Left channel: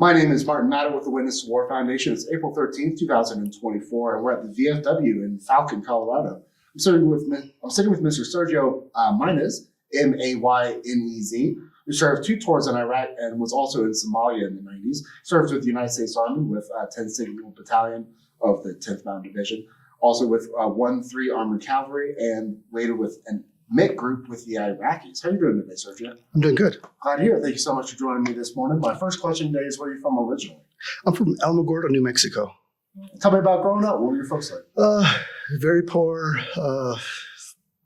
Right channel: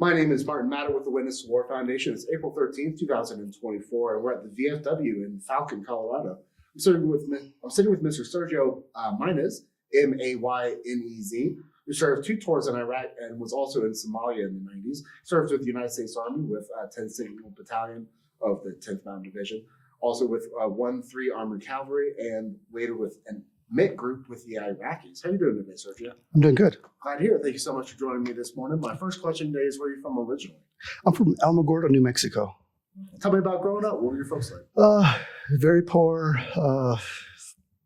My name is Martin Matter with the Witness War Foundation. It's April 13th, 2024, and we're at the VFW in Falcon, Colorado. I'm sitting with Mr. Sergio Maynez, Maynez, who served 2 tours in Iraq and was also in Somalia in the 90s. Served with the United States Army with 10th Signal Battalion of the 10th Mountain Division, also with 1-3 Armored Cavalry, and later with an MIT group with the Iraqis. How are you doing today, Sergio? I'm doing good. Glad to hear it. Thank you so much for joining me this morning. My first question today is, where are you from originally? I'm from Alamogordo, New Mexico. Tell me about growing up. What were your folks like? Very poor.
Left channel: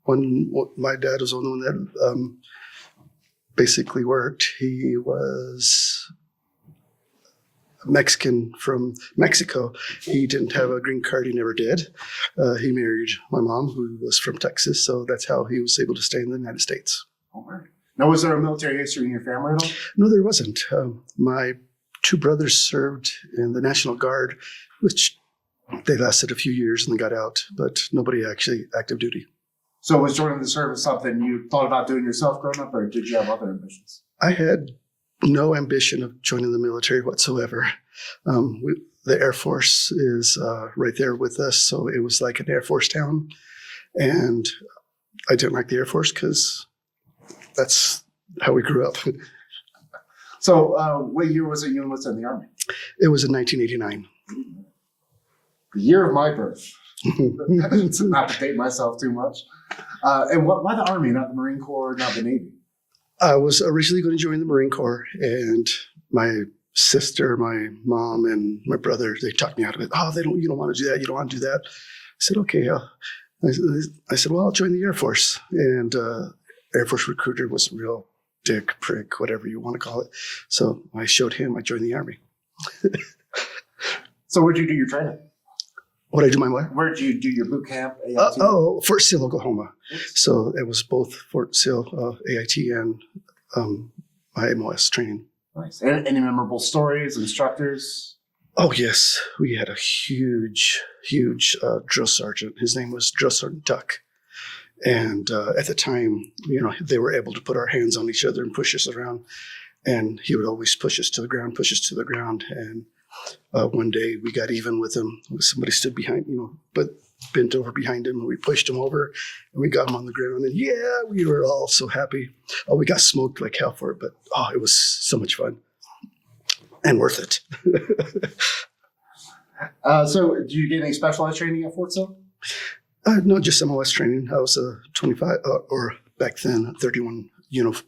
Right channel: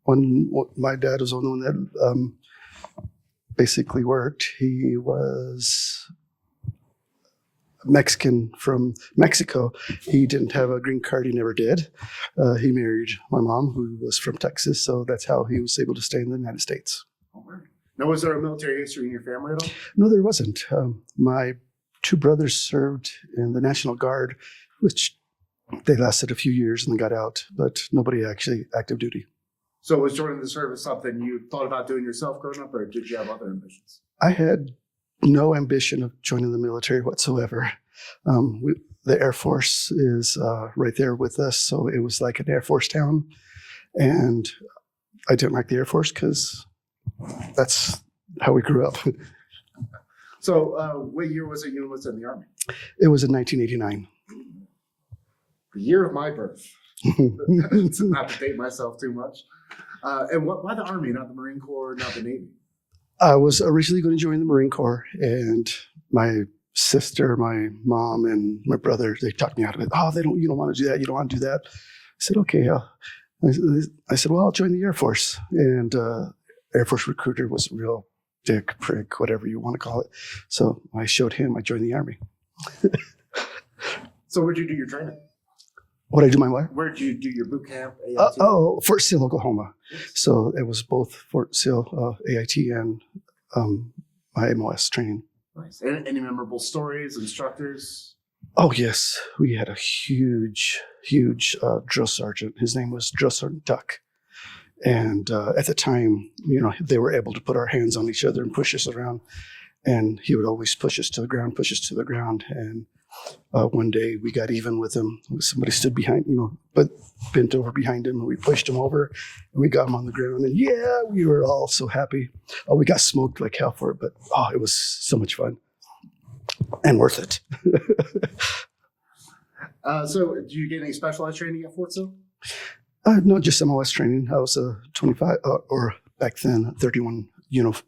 My dad was the only one that basically worked. He was Mexican from Mexico. He didn't have a green card. He never did. He married my mom, who was from Texas, so that's how he was able to stay in the United States. All right. Now, was there a military history in your family at all? No, there wasn't. My 2 brothers served in the National Guard, which they lasted a few years and then got out, but nobody actually active duty. So was joining the service something you thought about doing yourself growing up, or did you have other ambitions? I had no ambition of joining the military whatsoever. The Air Force is right there with us, so it was like an Air Force town. And I didn't like the Air Force because that's how we grew up. So what year was it you enlisted in the Army? It was in 1989. The year of my birth. Not to date myself too much. And why the Army, not the Marine Corps, not the Navy? I was originally going to join the Marine Corps, and my sister, my mom, and my brother, they talked me out of it. Oh, you don't want to do that. You don't want to do that. I said, okay. I said, well, I'll join the Air Force. And Air Force recruiter was a real dick, prick, whatever you want to call it. So I showed him. I joined the Army. So where'd you do your training? What did I do my what? Where'd you do your boot camp? Fort Sill, Oklahoma. So it was both Fort Sill, AIT, and my MOS training. Nice. Any memorable stories, instructors? Oh, yes. We had a huge drill sergeant. His name was Drill Sergeant Duck. And at the time, they were able to put our hands on each other and push us around. And he would always push us to the ground. And one day we got even with him. Somebody stood behind, but bent over behind him, and we pushed him over, and we got him on the ground. And we were all so happy. Oh, we got smoked like hell for it, but it was so much fun and worth it. So, did you get any specialized training at Fort Sill? No, just MOS training. I was a 25, or back then, 31,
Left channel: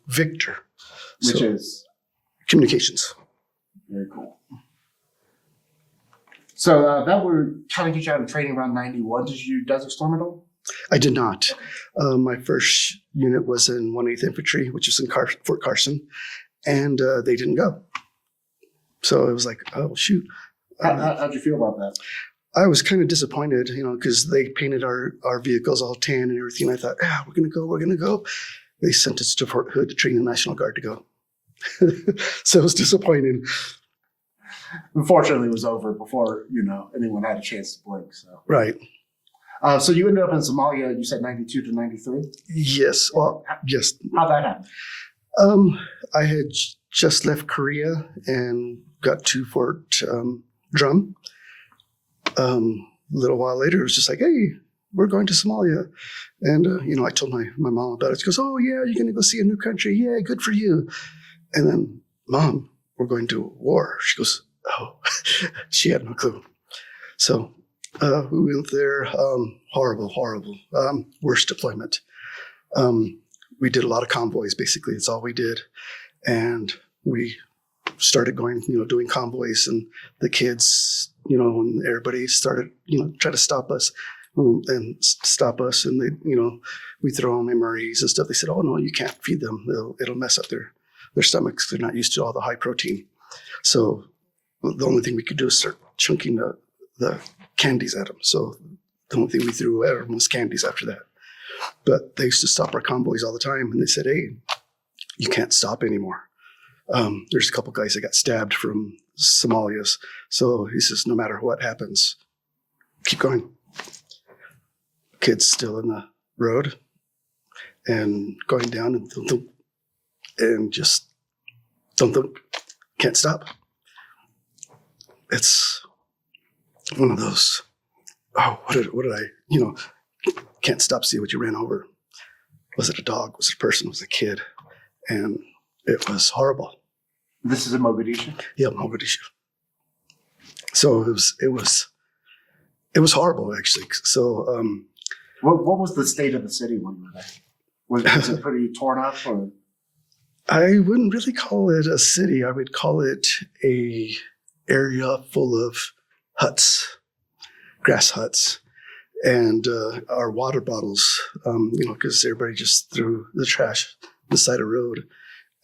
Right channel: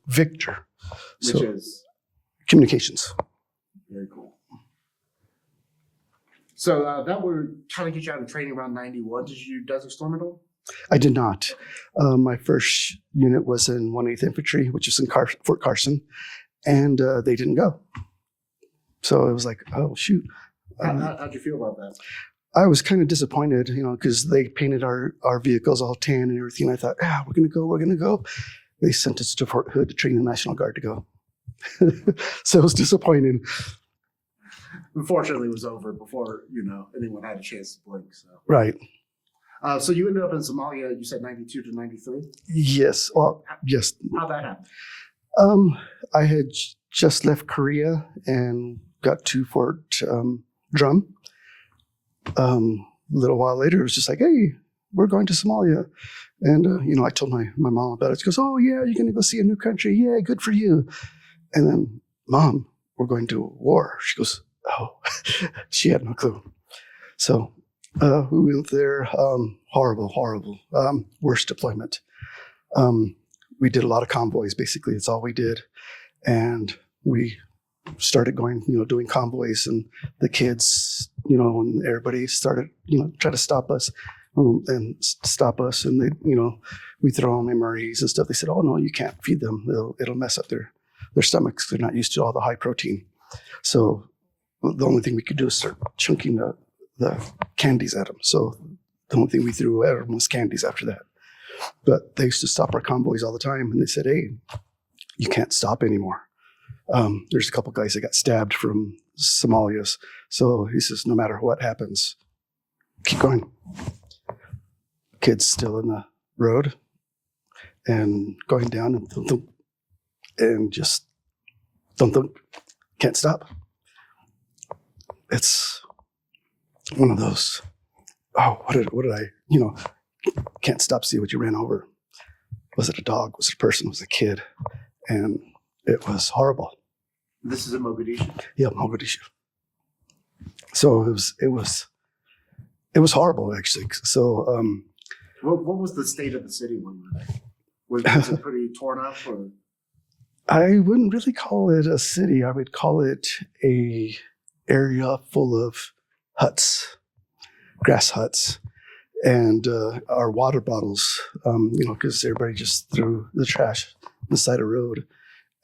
Victor. Which is? Communications. Very cool. So that would kind of get you out of training around 91. Did you do Desert Storm at all? I did not. My first unit was in 1/8 Infantry, which is in Fort Carson, and they didn't go. So it was like, oh, shoot. How'd you feel about that? I was kind of disappointed, because they painted our vehicles all tan and everything. I thought, we're going to go. They sent us to Fort Hood to train the National Guard to go. So it was disappointing. Unfortunately, it was over before, anyone had a chance to blink. So Right. So you ended up in Somalia, you said 92 to 93? Yes. Well, yes. How'd that happen? I had just left Korea and got to Fort Drum. A little while later, it was just like, hey, we're going to Somalia. And, I told my mom about it. She goes, oh, yeah, you're going to go see a new country. Yeah, good for you. And then, Mom, we're going to war. She goes, oh, she had no clue. So we went there. Horrible. Worst deployment. We did a lot of convoys, basically. It's all we did. And we started going, doing convoys, and the kids, and everybody started, try to stop us. And they, we throw on MREs and stuff. They said, oh, no, you can't feed them. It'll mess up their stomachs. They're not used to all the high protein. So the only thing we could do is start chunking the candies at them. So the only thing we threw at them was candies after that. But they used to stop our convoys all the time, and they said, hey, you can't stop anymore. There's a couple guys that got stabbed from Somalia's. So he says, no matter what happens, keep going. Kids still in the road and going down and just thump, can't stop. it's one of those. Oh, what did I? Can't stop see what you ran over. Was it a dog? Was it a person? Was it a kid? And it was horrible. This is in Mogadishu? Yeah, Mogadishu. So it was horrible actually. So what was the state of the city when you were there? Was it pretty torn up, or? I wouldn't really call it a city. I would call it a area full of huts, grass huts, and our water bottles. Because everybody just threw the trash on the side of the road,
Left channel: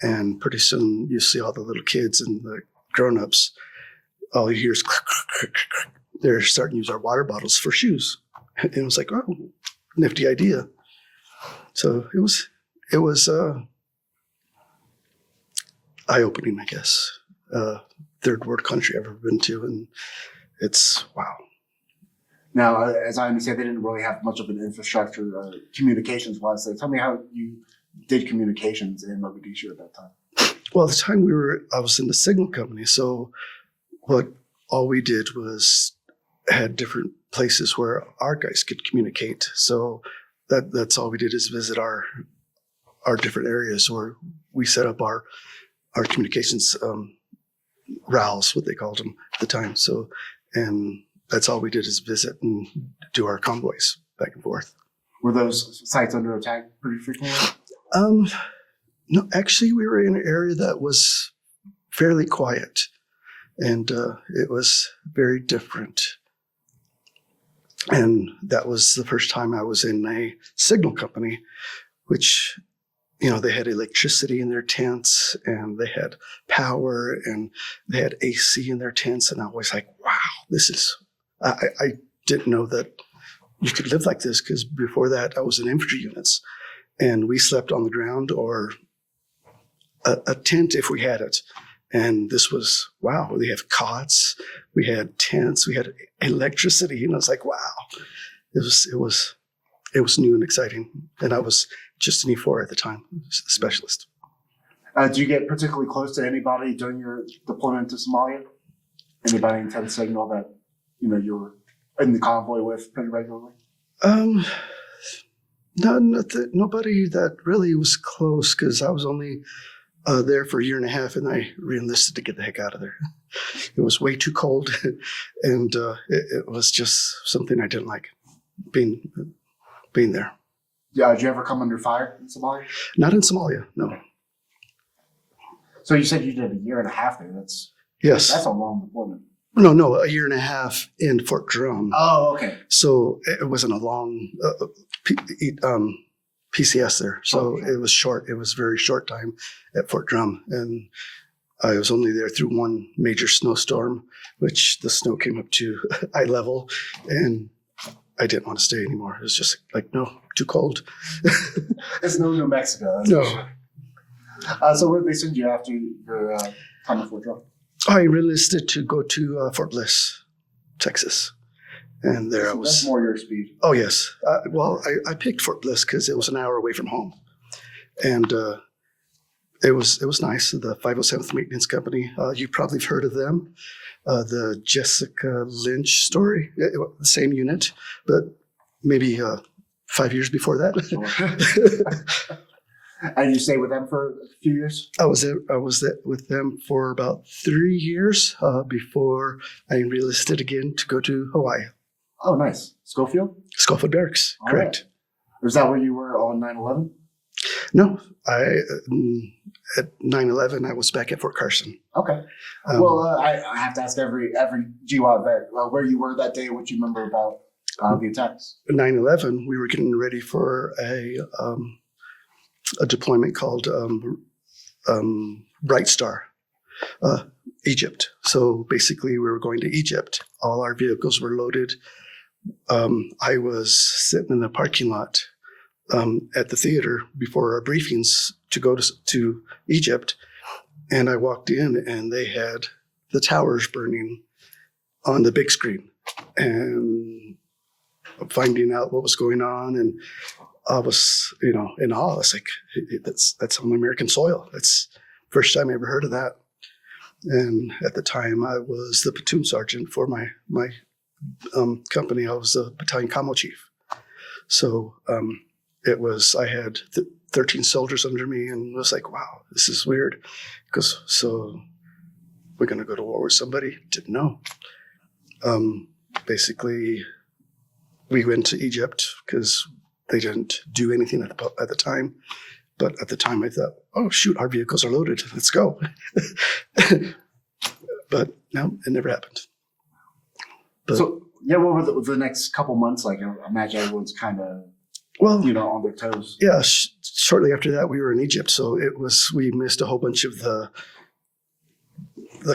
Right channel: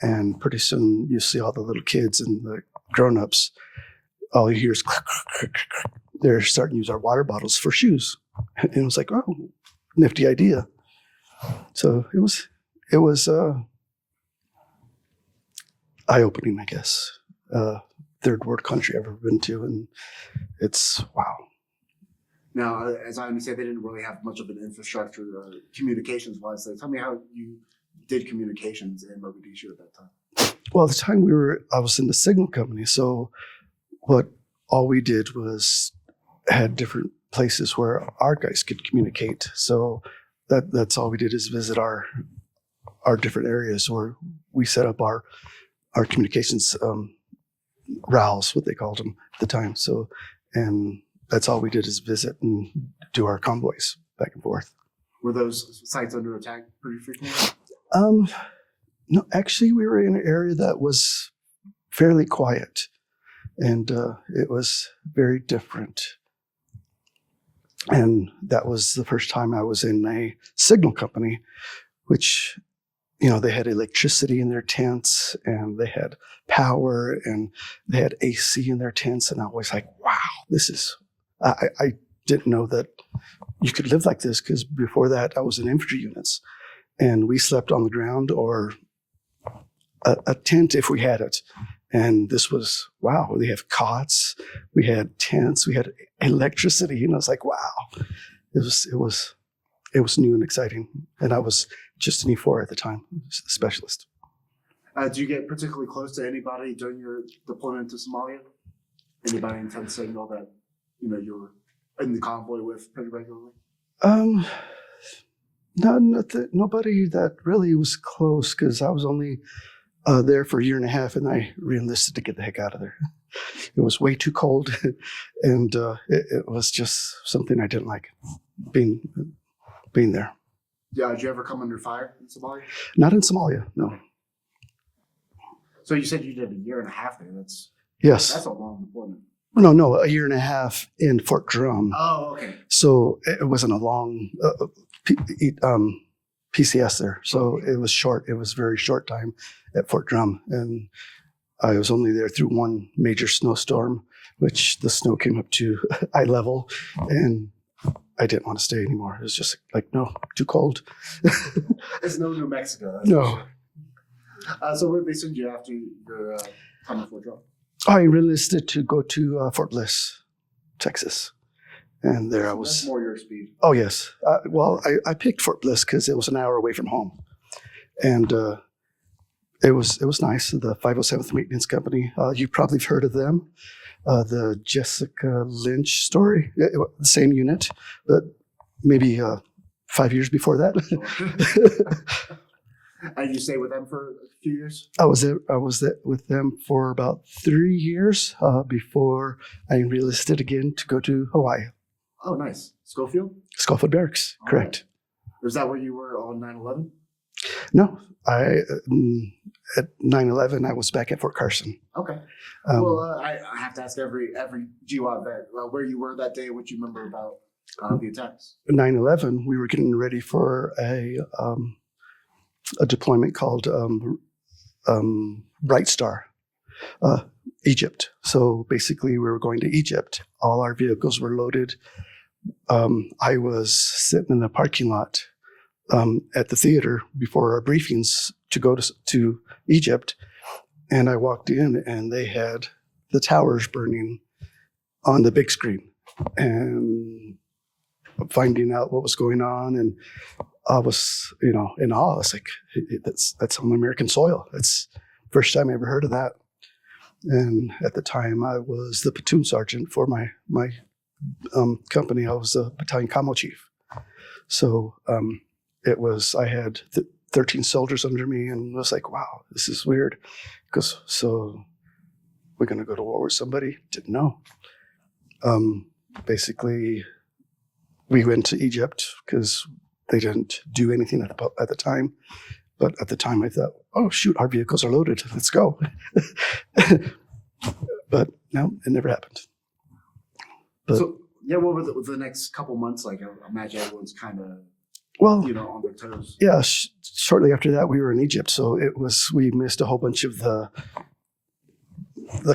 and pretty soon you see all the little kids and the grown-ups. All you hear is click, click, click, click. They're starting to use our water bottles for shoes, and it was like, oh, nifty idea. So it was eye-opening, I guess. Third world country I've ever been to, and it's wow. Now, as I understand, they didn't really have much of an infrastructure communications-wise. So tell me how you did communications in Mogadishu at that time. Well, at the time I was in the signal company, so all we did was had different places where our guys could communicate. So that's all we did is visit our different areas where we set up our communications RALs, what they called them at the time. So, and that's all we did is visit and do our convoys back and forth. Were those sites under attack pretty frequently? No, actually, we were in an area that was fairly quiet, and it was very different. And that was the first time I was in a signal company, which, they had electricity in their tents, and they had power, and they had AC in their tents. And I was like, wow, I didn't know that you could live like this, because before that I was in infantry units, and we slept on the ground or a tent if we had it. And this was, wow, we have cots, we had tents, we had electricity. And I was like, wow, it was new and exciting. And I was just an E4 at the time, a specialist. Did you get particularly close to anybody during your deployment to Somalia? Anybody in 10th Signal that, you were in the convoy with pretty regularly? Nobody that really was close, because I was only there for a year and a half, and I re-enlisted to get the heck out of there. It was way too cold, and it was just something I didn't like, being there. Yeah, did you ever come under fire in Somalia? Not in Somalia, no. Okay. So you said you did a year and a half there. That's a long deployment. No, a year and a half in Fort Drum. Oh, okay. So it wasn't a long PCS there. So It was short. It was very short time at Fort Drum. And I was only there through one major snowstorm, which the snow came up to eye level, and I didn't want to stay anymore. It was just like, no, too cold. It's no New Mexico. No. Sure. So where did they send you after your time at Fort Drum? I enlisted to go to Fort Bliss, Texas. And there I was. That's more your speed. Oh, yes. I picked Fort Bliss because it was an hour away from home. And it was nice. The 507th Maintenance Company, you probably have heard of them. The Jessica Lynch story, the same unit, but maybe 5 years before that. Sure. And you stayed with them for a few years? I was with them for about 3 years before I enlisted again to go to Hawaii. Oh, nice. Schofield? Schofield Barracks, All correct. Right. Was that where you were on 9/11? No, at 9/11 I was back at Fort Carson. Okay. I have to ask every GWAT vet where you were that day, what you remember about the attacks. 9/11, we were getting ready for a deployment called Bright Star, Egypt. So basically, we were going to Egypt. All our vehicles were loaded. I was sitting in the parking lot at the theater before our briefings to go to Egypt, and I walked in, and they had the towers burning on the big screen, and finding out what was going on, and I was, in awe. I was like, that's on American soil. It's first time I ever heard of that. And at the time, I was the platoon sergeant for my company. I was a battalion commo chief. So I had 13 soldiers under me, and it was like, wow, this is weird. Because so we're going to go to war with somebody? Didn't know. Basically, we went to Egypt because they didn't do anything at the time. But at the time, I thought, oh, shoot, our vehicles are loaded. Let's go. But no, it never happened. But, so, yeah, what were the next couple months like? I imagine everyone's kind of, on their toes. Yeah, shortly after that, we were in Egypt. So we missed a whole bunch of the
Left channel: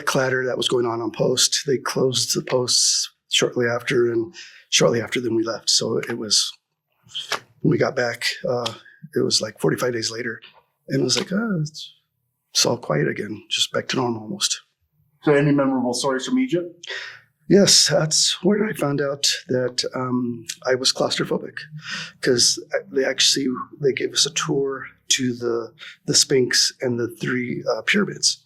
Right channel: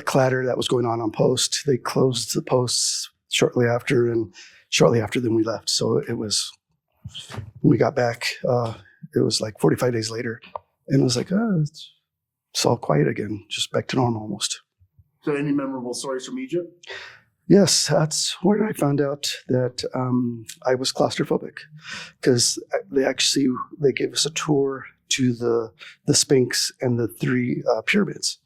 clatter that was going on post. They closed the posts shortly after, and shortly after then we left. So it was, when we got back, it was like 45 days later, and it was like, it's all quiet again, just back to normal almost. So any memorable stories from Egypt? Yes, that's where I found out that I was claustrophobic, because they gave us a tour to the Sphinx and the three pyramids.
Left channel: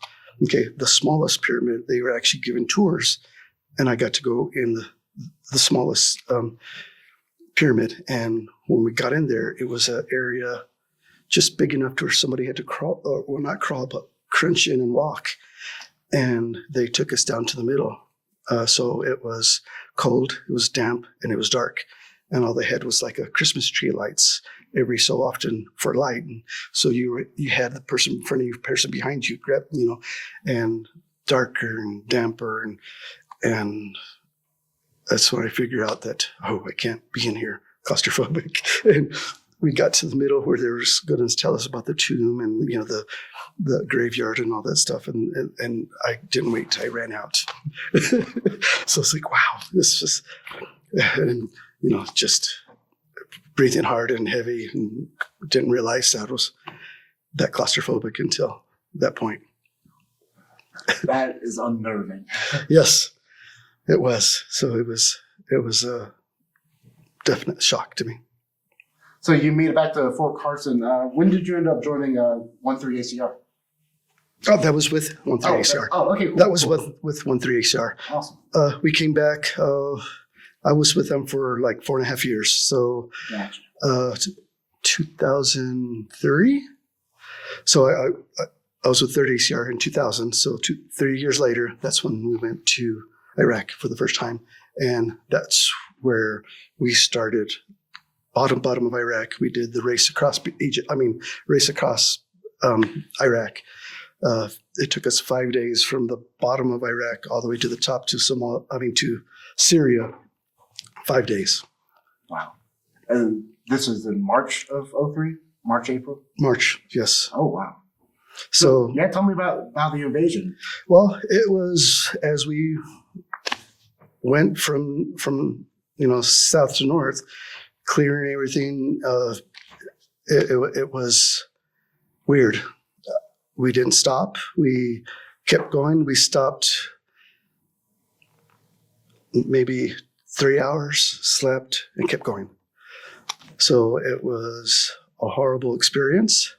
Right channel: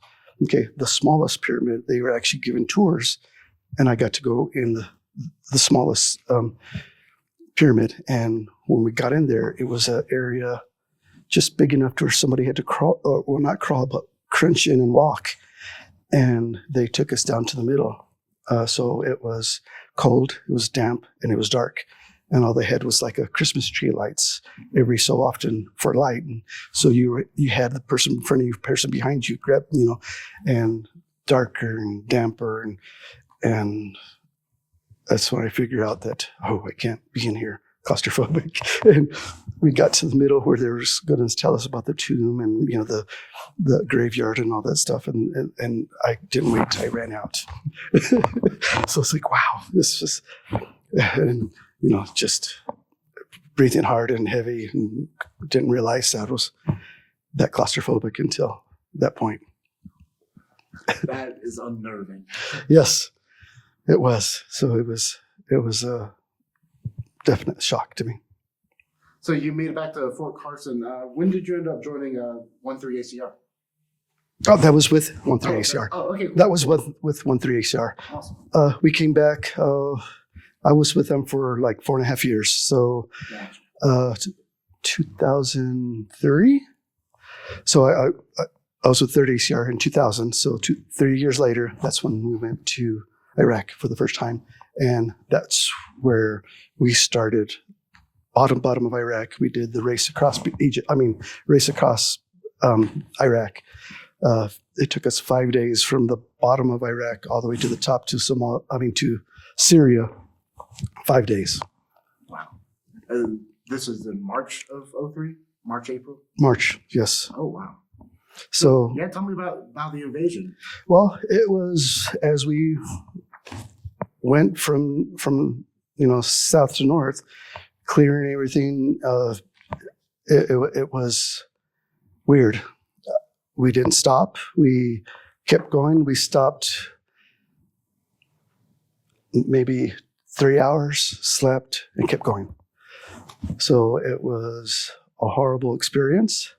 Okay, the smallest pyramid, they were actually given tours, and I got to go in the smallest pyramid. And when we got in there, it was an area just big enough to where somebody had to crawl, or not crawl, but crunch in and walk. And they took us down to the middle. So it was cold, it was damp, and it was dark. And all they had was like a Christmas tree lights every so often for light. And so you had the person in front of you, person behind you, and darker and damper, and that's when I figured out that, I can't be in here, claustrophobic. And we got to the middle where they were going to tell us about the tomb and the graveyard and all that stuff, and I didn't wait till I ran out. So it's like, wow, this is, and just breathing hard and heavy, and didn't realize I was that claustrophobic until that point. That is unnerving. Yes, it was. So it was a definite shock to me. So you made it back to Fort Carson. When did you end up joining 13 ACR? Oh, that was with 13 ACR. Oh, okay. Cool. That was with 13 ACR. Awesome. We came back. I was with them for like 4.5 years. So, Gotcha. 2003. So I was with 13 ACR in 2000. So 3 years later, that's when we went to Iraq for the first time, and that's where we started. Bottom of Iraq. We did the race across Iraq. It took us 5 days from the bottom of Iraq all the way to the top to to Syria. 5 days. Wow. And this was in March of 03? March, April? March, yes. Oh, wow. So yeah, tell me about the invasion. Well, it was as we went from south to north, clearing everything. It was weird. We didn't stop. We kept going. We stopped maybe 3 hours, slept, and kept going. So it was a horrible experience.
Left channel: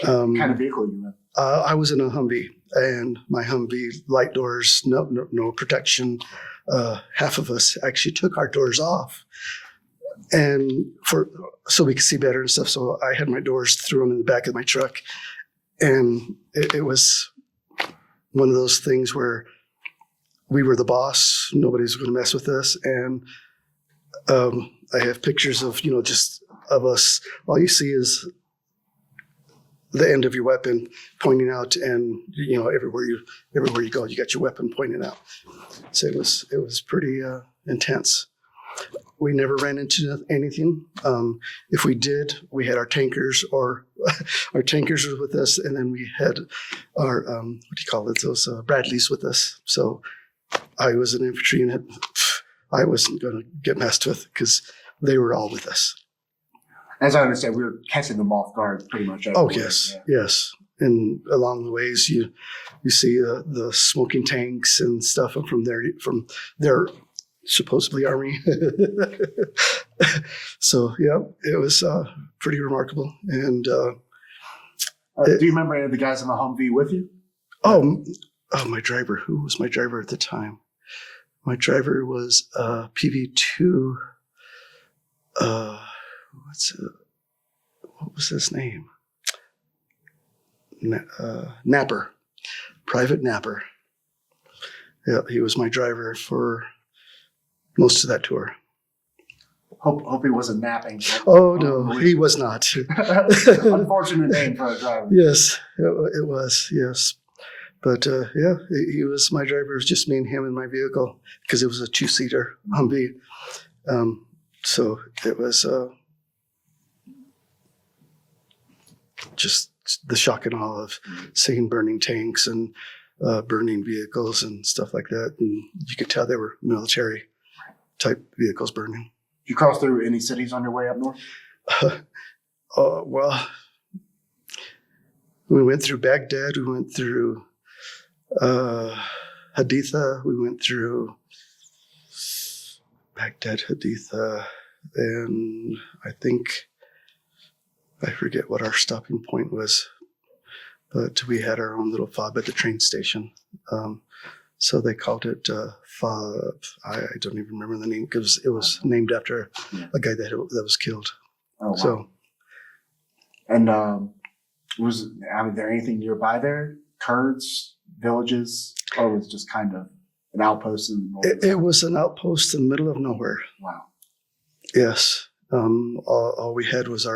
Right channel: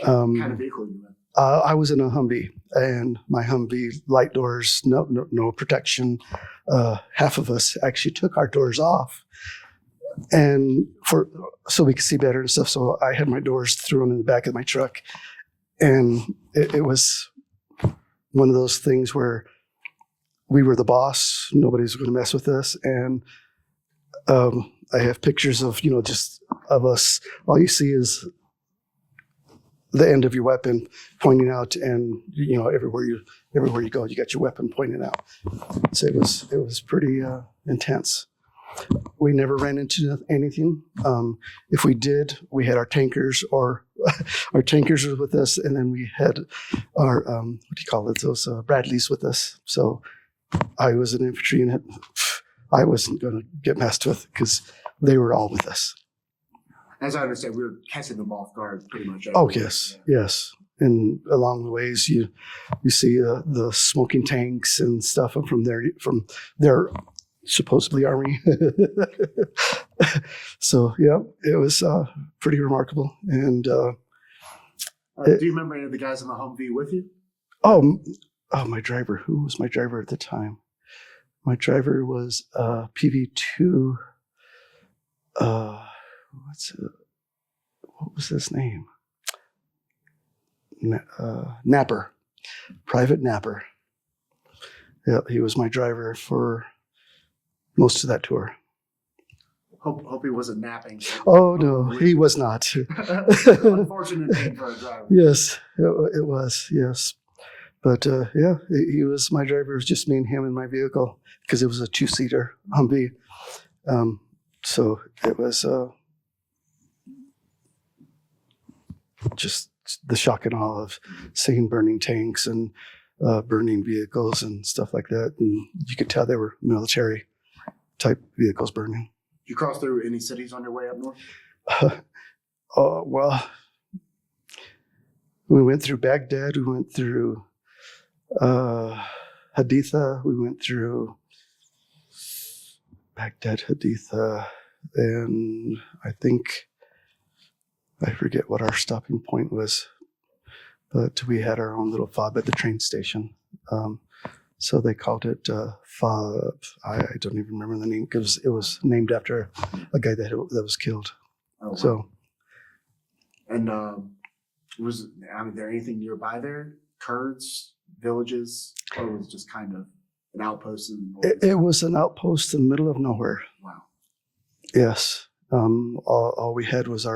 What kind of vehicle you in? I was in a Humvee, and my Humvee light doors, no protection. Half of us actually took our doors off, and so we could see better and stuff. So I had my doors thrown in the back of my truck, and it was one of those things where we were the boss. Nobody's going to mess with us, and I have pictures of just of us. All you see is the end of your weapon pointing out, and everywhere you go, you got your weapon pointing out. So it was pretty intense. We never ran into anything. If we did, we had our tankers, or our tankers were with us, and then we had our those Bradleys with us. So I was an infantry unit. I wasn't going to get messed with because they were all with us. As I understand, we were catching them off guard pretty much. Oh, yes, yeah. Yes. And along the ways, you see the smoking tanks and stuff from their supposedly army. So, yeah, it was pretty remarkable. And do you remember any of the guys in the Humvee with you? Oh, my driver. Who was my driver at the time? My driver was PV2. What was his name? Napper, Private Napper. Yeah, he was my driver for most of that tour. Hope he wasn't napping. Oh no, he was not. Unfortunate name for a driver. Yes, it was. Yes, but yeah, he was my driver. It was just me and him in my vehicle because it was a 2-seater Humvee. So it was just the shock and awe of seeing burning tanks and burning vehicles and stuff like that. And you could tell they were military type vehicles burning. Did you cross through any cities on your way up north? Well, we went through Baghdad. We went through Haditha. We went through Baghdad, Haditha, and I forget what our stopping point was, but we had our own little fob at the train station. So they called it fob. I don't even remember the name because it was named after a guy that was killed. Oh, wow. So, and was there anything nearby there? Kurds, villages, or was it just kind of an outpost in the north? it was an outpost in the middle of nowhere. Wow. Yes. All we had was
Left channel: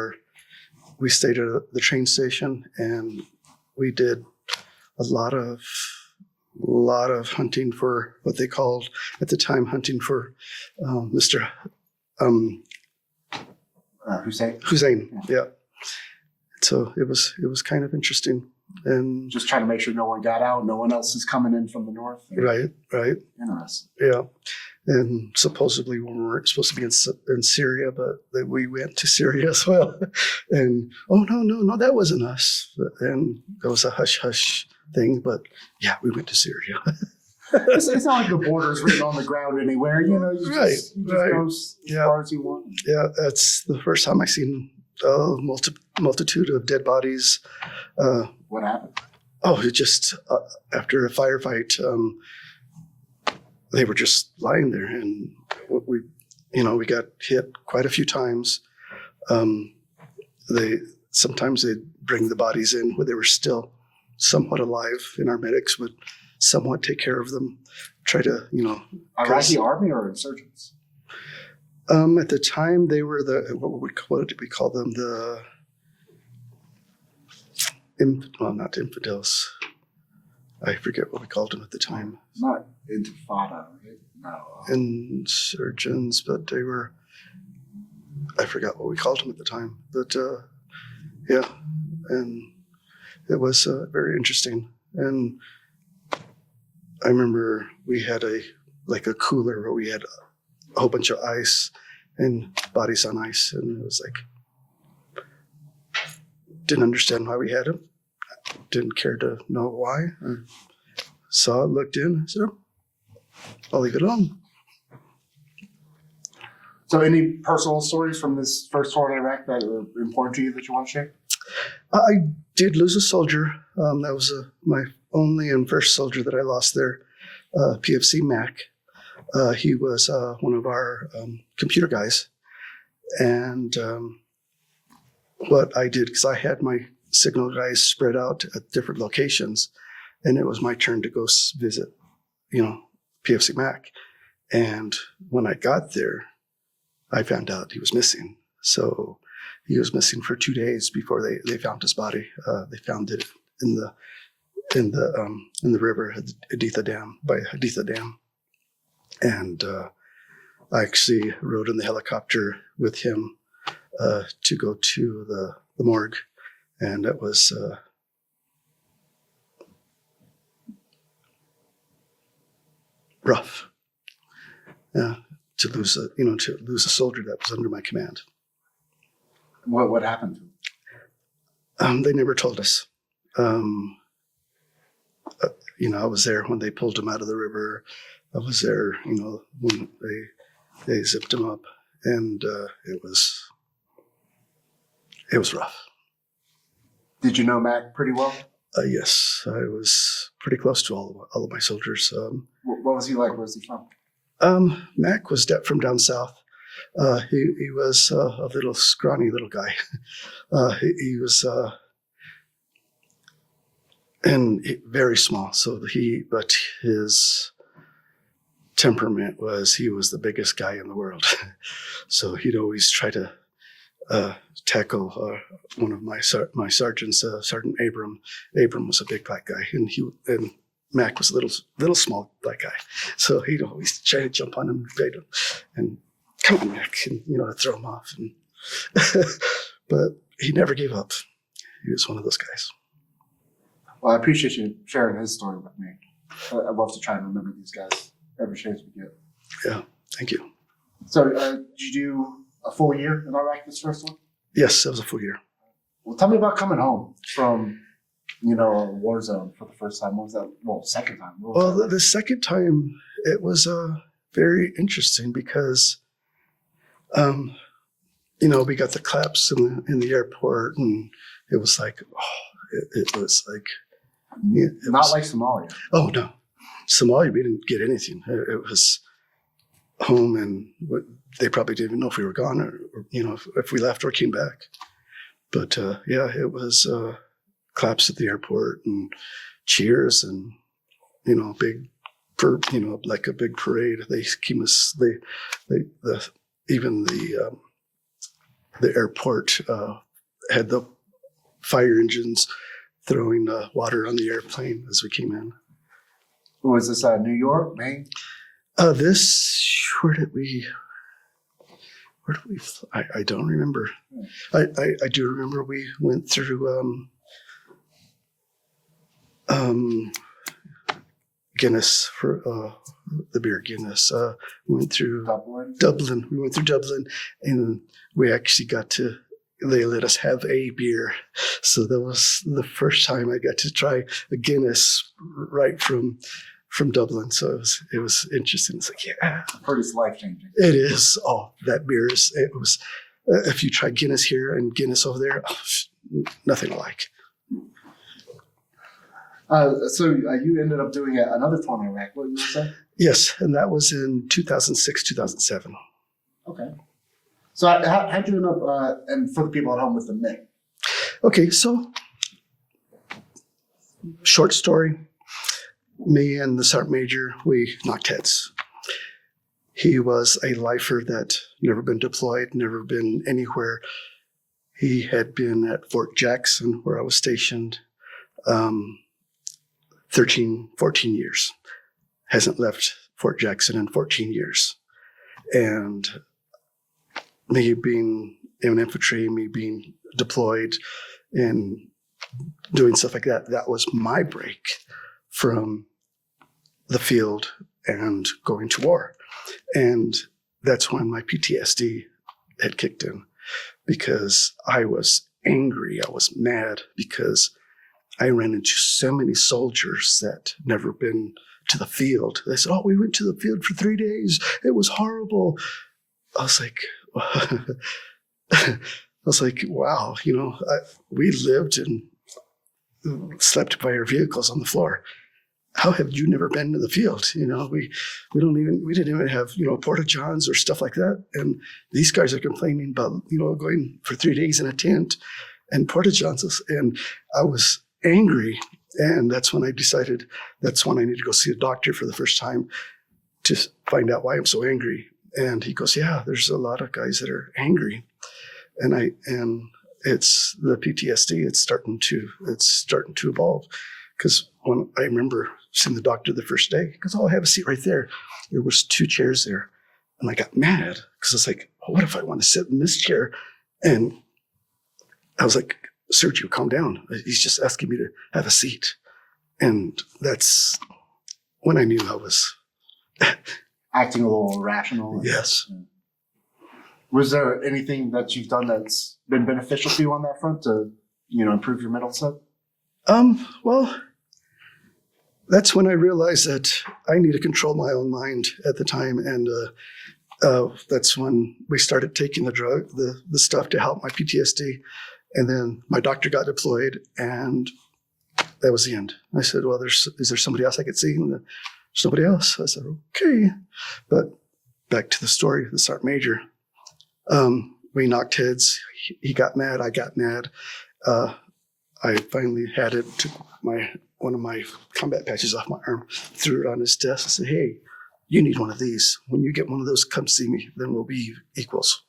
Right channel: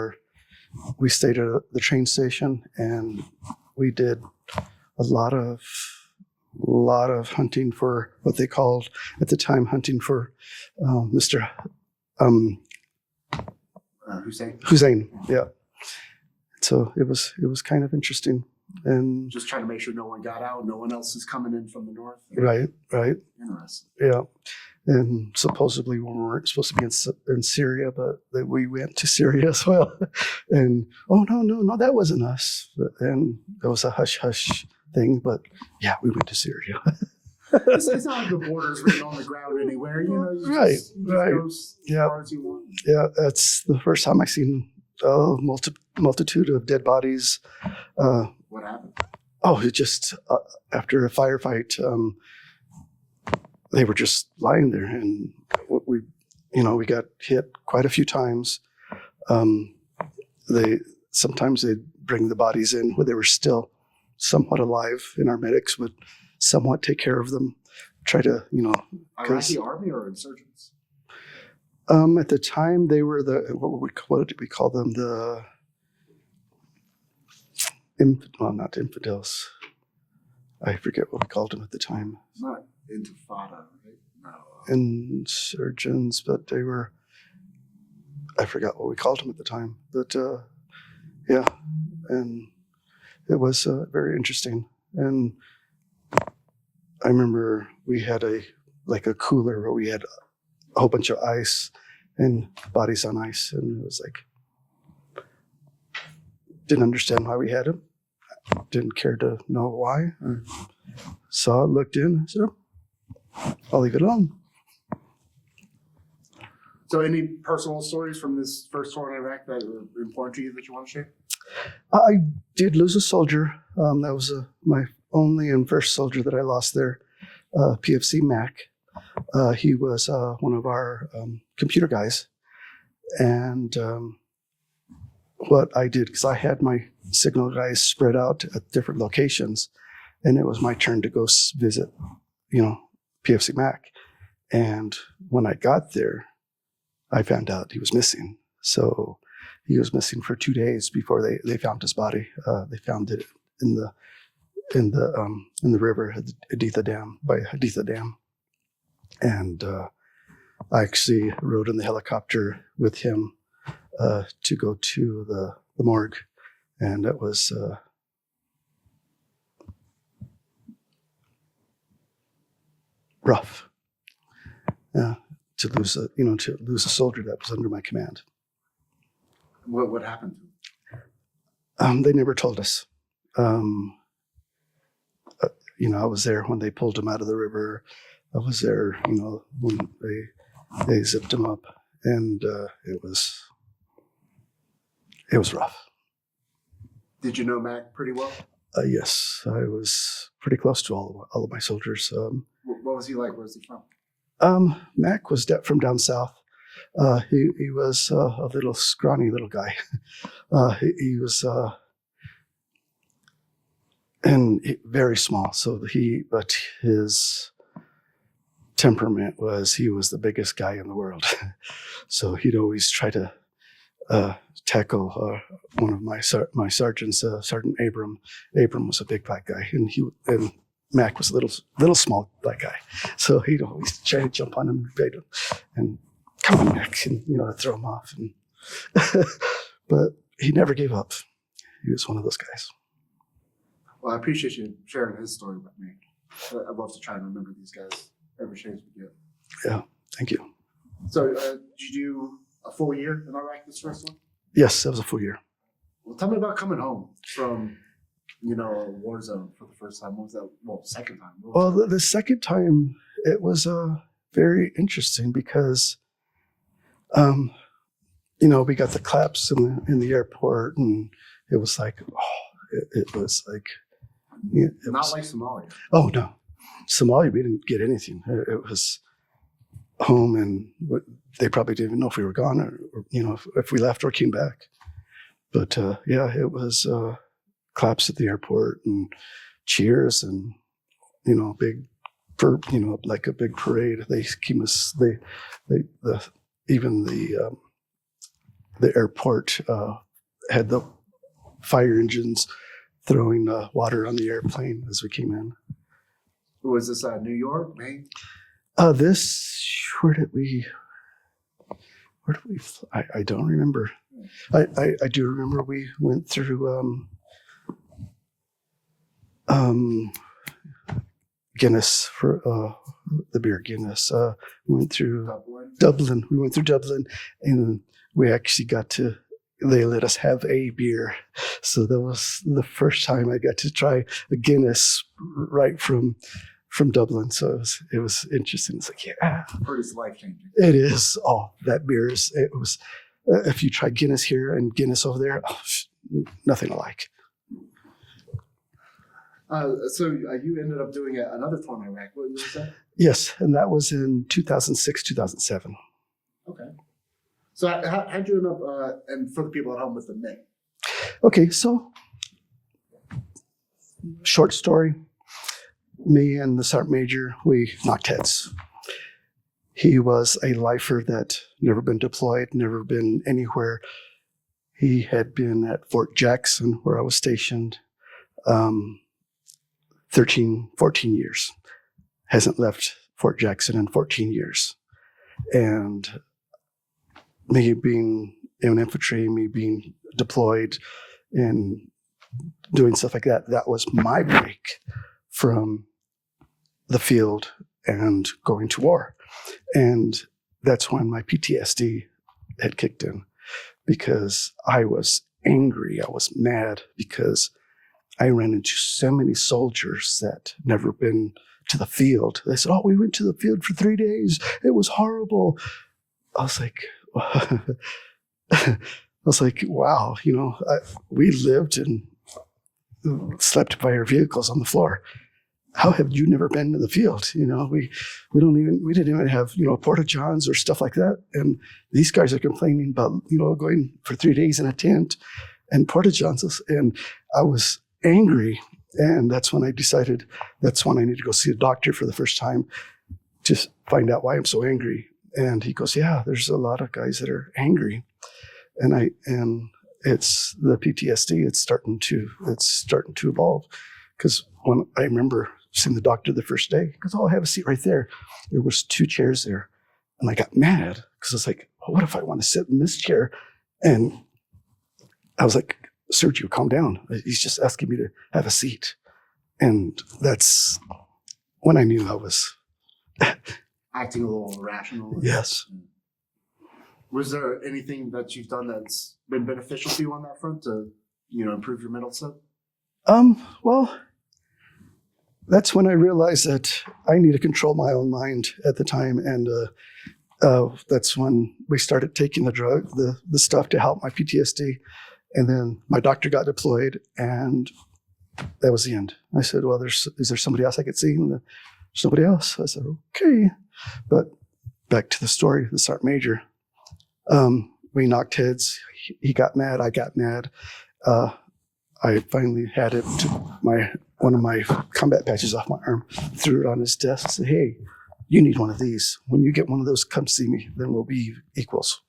we stayed at the train station and we did a lot of hunting for what they called at the time hunting for Mr. Hussein. Yeah. So it was kind of interesting and Just trying to make sure no one got out, no one else is coming in from the north. right. Interesting. Yeah. And supposedly we weren't supposed to be in Syria, but we went to Syria as well. And no, that wasn't us. And there was a hush thing, but yeah, we went to Syria. It's not like the border's written on the ground anywhere, you know. You just go as far as you want. Yeah, that's the first time I seen a multitude of dead bodies. What happened? Oh, it just after a firefight, they were just lying there, and we got hit quite a few times. Sometimes they'd bring the bodies in where they were still somewhat alive, and our medics would somewhat take care of them, try to, Iraqi army or insurgents? At the time, they were what did we call them? Not infidels. I forget what we called them at the time. Not Intifada, right? No. Insurgents, but they were. I forgot what we called them at the time, but yeah, and it was very interesting. And I remember we had a cooler where we had a whole bunch of ice and bodies on ice, and it was like didn't understand why we had them. Didn't care to know why. I saw it, looked in, said, I'll leave it on. So any personal stories from this first tour in Iraq that were important to you that you want to share? I did lose a soldier. That was my only and first soldier that I lost there, PFC Mac. He was one of our computer guys. And what I did, because I had my signal guys spread out at different locations, and it was my turn to go visit, PFC Mac. And when I got there, I found out he was missing. So he was missing for 2 days before they found his body. They found it in the river at Haditha Dam, by Haditha Dam. And I actually rode in the helicopter with him to go to the morgue. And that was rough. To lose a soldier that was under my command. What happened to him? They never told us. I was there when they pulled him out of the river. I was there, when they zipped him up, and it was rough. Did you know Mac pretty well? Yes, I was pretty close to all of my soldiers. What was he like? Where was he from? Mac was from down south. He was a little scrawny little guy. He was very small. But his temperament was he was the biggest guy in the world. So he'd always try to tackle one of my sergeants, Sergeant Abram. Abram was a big black guy, and Mac was a little small black guy. So he'd always try to jump on him and bait him, and come on, Mac, and throw him off. And but he never gave up. He was one of those guys. Well, I appreciate you sharing his story with me. I'd love to try and remember these guys every chance we get. Yeah, thank you. So, did you do a full year in Iraq this first one? Yes, that was a full year. Well, tell me about coming home from, a war zone for the first time. What was that? Well, second time. Well, the second time, it was very interesting because, we got the claps in the airport, and it was like, it was like, like Somalia. Oh no, Somalia, we didn't get anything. It was home, and they probably didn't even know if we were gone or if we left or came back. But it was claps at the airport and cheers and like a big parade. They came us. Even the airport had the fire engines throwing water on the airplane as we came in. Was this New York, Maine? Where did we? I don't remember. I do remember we went through Guinness for the beer Guinness. Went through Dublin. We went through Dublin, and we actually they let us have a beer. So that was the first time I got to try a Guinness right from Dublin. So it was interesting. It's like, yeah. Pretty life-changing. It is. Oh, that beer it was, if you try Guinness here and Guinness over there, nothing alike. So you ended up doing another tour in Iraq. What did you say? Yes, and that was in 2006, 2007. Okay. So how'd you end up, and for the people at home, with the MiG? Okay, so short story. Me and the Sergeant Major, we knocked heads. He was a lifer that never been deployed, never been anywhere. He had been at Fort Jackson, where I was stationed, 13, 14 years. Hasn't left Fort Jackson in 14 years. And me being in infantry, me being deployed and doing stuff like that, that was my break from the field and going to war. And that's when my PTSD had kicked in, because I was angry. I was mad because I ran into so many soldiers that never been to the field. They said, "Oh, we went to the field for 3 days. It was horrible." I was like, wow, we lived and slept by our vehicles on the floor. How have you never been to the field? We didn't even have, porta johns or stuff like that. And these guys are complaining about, going for 3 days in a tent and porta johns. And I was angry. And that's when I decided that's when I need to go see a doctor for the first time to find out why I'm so angry. And he goes, "Yeah, there's a lot of guys that are angry." And it's the PTSD. It's starting to evolve. Because when I remember seeing the doctor the first day, he goes, "Oh, I have a seat right there." There was 2 chairs there. And I got mad because it's like, what if I want to sit in this chair? And I was like, "Sergio, calm down. He's just asking me to have a seat." And that's when I knew I was acting a little irrational. Yes. Was there anything that you've done that's been beneficial for you on that front to, improve your mental set? Well, that's when I realized that I need to control my own mind at the time. And that's when we started taking the stuff to help my PTSD. And then my doctor got deployed, and that was the end. I said, well, is there somebody else I could see? And there's nobody else. I said, okay. But back to the story, the Sergeant Major. We knocked heads. He got mad. I got mad. I finally had it to one of my combat patches off my arm, threw it on his desk and said, hey, you need one of these. When you get one of those, come see me. Then we'll be equals.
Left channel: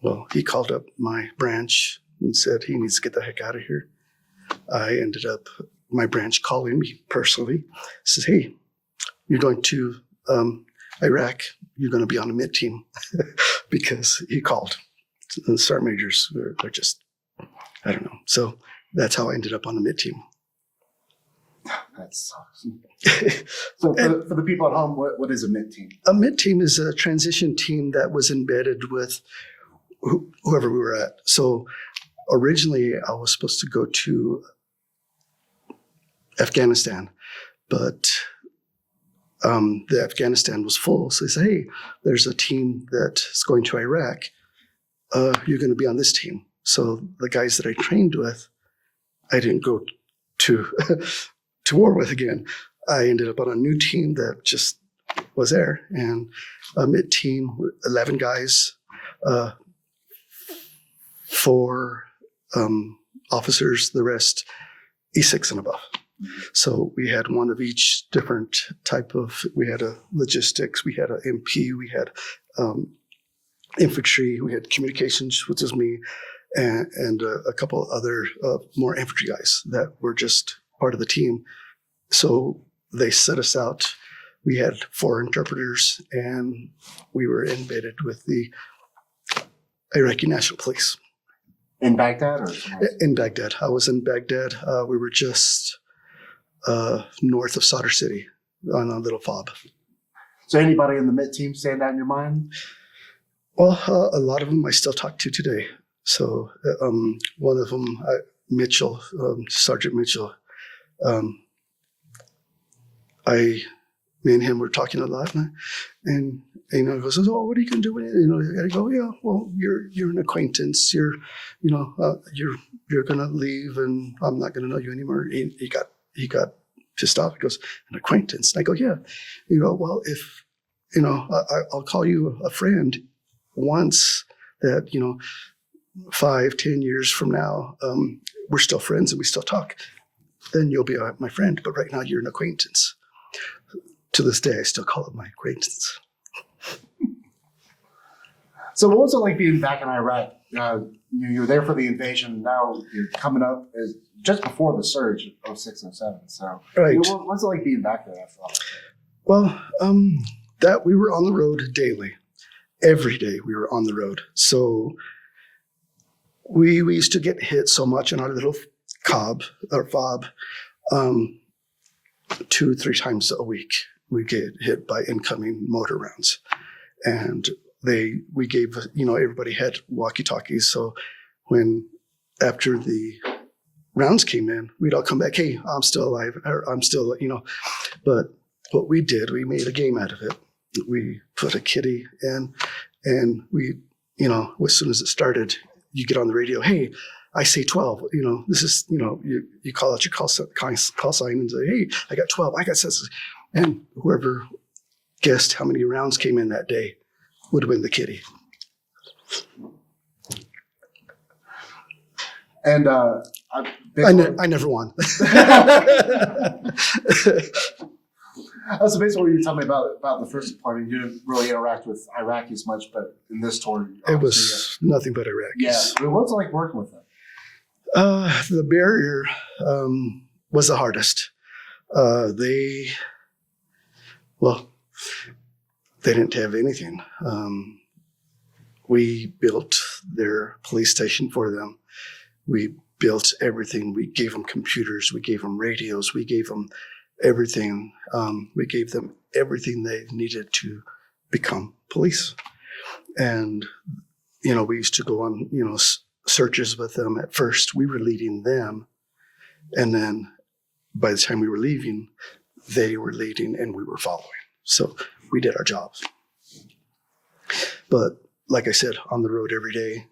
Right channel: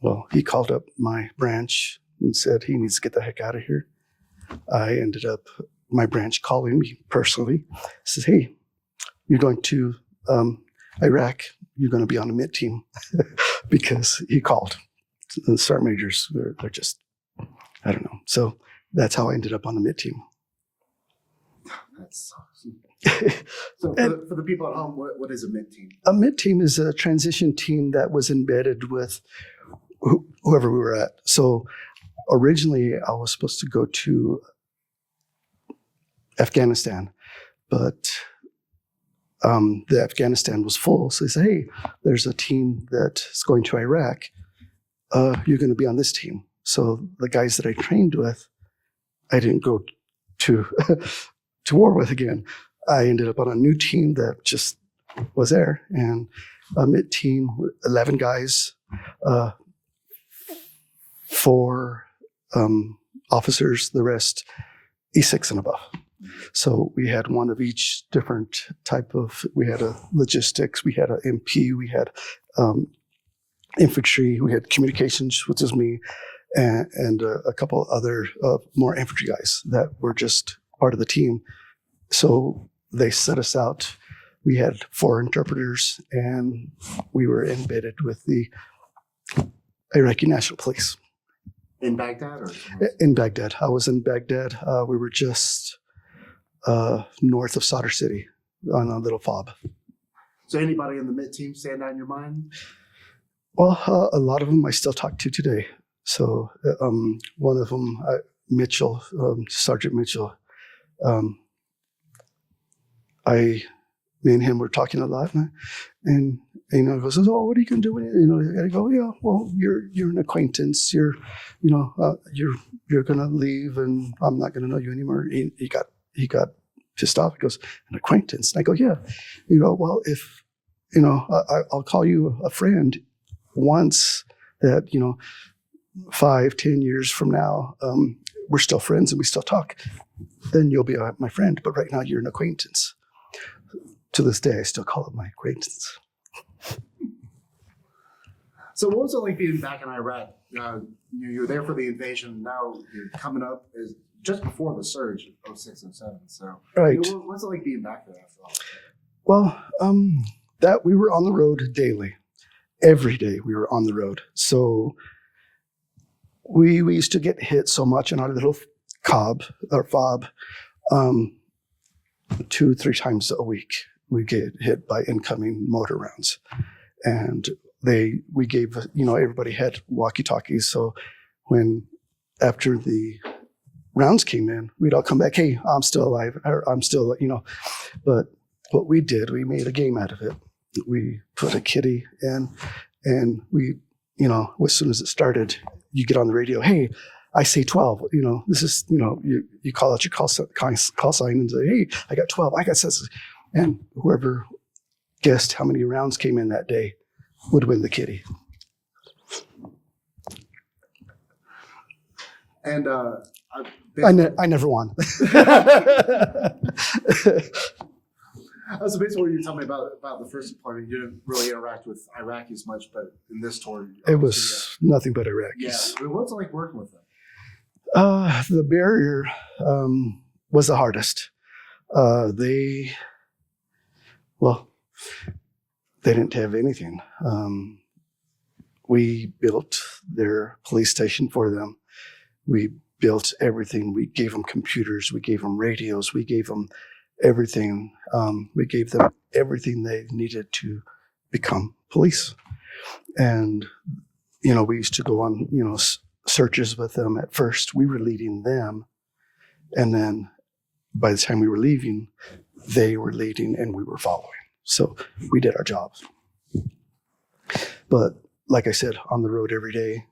Well, he called up my branch and said he needs to get the heck out of here. I ended up, my branch calling me personally, says, hey, you're going to Iraq, you're going to be on the mid team because he called. The sergeant majors, they're just, I don't know. So that's how I ended up on the mid team. That's awesome. So for the people at home, what is a mid team? A mid team is a transition team that was embedded with whoever we were at. So originally I was supposed to go to Afghanistan, but the Afghanistan was full. So they said, hey, there's a team that's going to Iraq. You're going to be on this team. So the guys that I trained with, I didn't go to to war with again. I ended up on a new team that just was there, and a mid team, 11 guys, 4 officers, the rest E6 and above. So we had one of each different type of. We had a logistics, we had a MP, we had infantry, we had communications, which is me, and a couple other more infantry guys that were just part of the team. So they set us out. We had 4 interpreters, and we were embedded with the Iraqi National Police. In Baghdad? Or in Baghdad. I was in Baghdad. We were just north of Sadr City on a little fob. So anybody in the mid team stand out in your mind? Well, a lot of them I still talk to today. So one of them, Mitchell, Sergeant Mitchell, me and him were talking a lot, and he goes, oh, what are you gonna do with it? I go, yeah, well, you're an acquaintance. You're gonna leave, and I'm not gonna know you anymore. He got pissed off. He goes, an acquaintance. And I go, yeah. Well, if I'll call you a friend once that 5-10 years from now, we're still friends and we still talk. Then you'll be my friend. But right now, you're an acquaintance. To this day, I still call it my acquaintance. So what was it like being back in Iraq? You were there for the invasion. Now you're coming up as just before the surge of 06, 07. So right. What's it like being back there after all? Well, that we were on the road daily. Every day we were on the road. So we used to get hit so much in our little fob 2-3 times a week. We get hit by incoming mortar rounds, and we gave everybody had walkie-talkies. So after the rounds came in, we'd all come back. Hey, I'm still alive. Or I'm still But what we did, we made a game out of it. We put a kitty in, and we as soon as it started, you get on the radio. Hey, I say 12. This is you call out your call sign and say, hey, I got 12. I got 6. And whoever guessed how many rounds came in that day would win the kitty. And I never won. So basically, what you were telling me about the first deployment, you didn't really interact with Iraqis much, but in this tour, it was nothing but Iraqis. Yeah. What was it like working with them? The barrier was the hardest. They didn't have anything. We built their police station for them. We built everything. We gave them computers. We gave them radios. We gave them everything. We gave them everything they needed to become police. And, we used to go on, searches with them. At first, we were leading them. And then by the time we were leaving, they were leading and we were following. So we did our jobs. But like I said, on the road every day,